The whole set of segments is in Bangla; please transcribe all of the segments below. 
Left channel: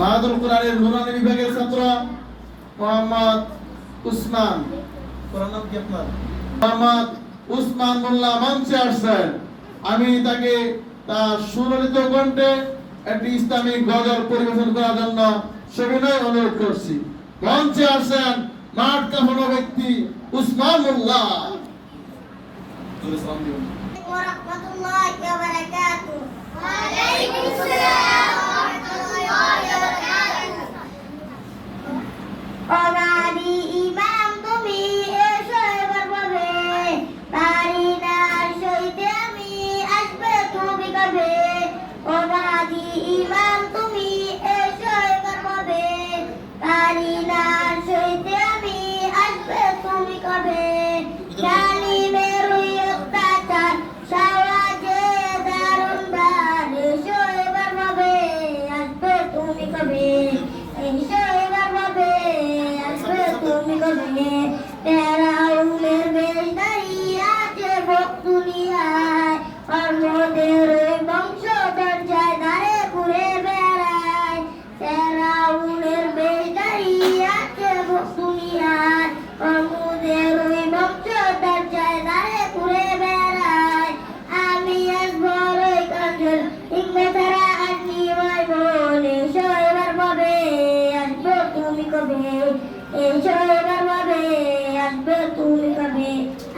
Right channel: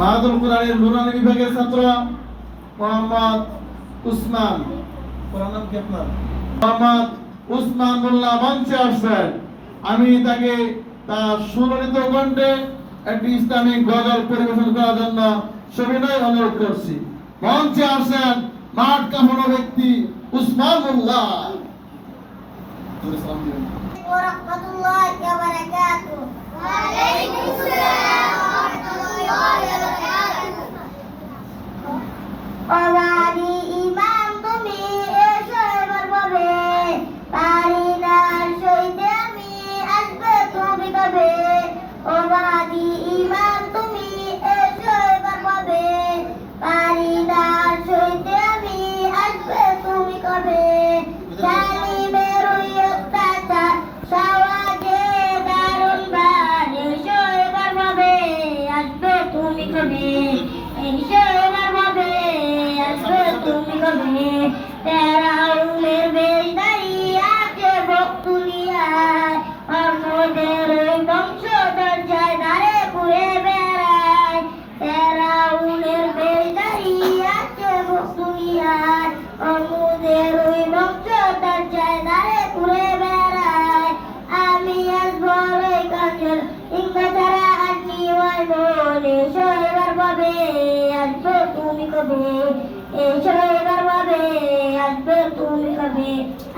মাহাদুল কোরআনের নুরানি বিভাগের ছাত্র মোহাম্মদ উসমান, পুরো নাম কি আপনার? মোহাম্মদ উসমান মোল্লা মঞ্চে আসছেন। আমি তাকে তার সুললিত কণ্ঠে একটি ইসলামিক গজল পরিবেশন করার জন্য সবিনয় অনুরোধ করছি। মঞ্চে আসছেন মাঠ কাঁপানো ব্যক্তি উসমান মোল্লা।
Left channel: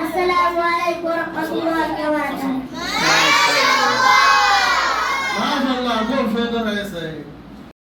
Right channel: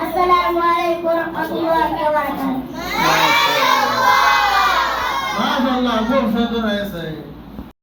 Assalamualaikum warahmatullahi wabarakatuh.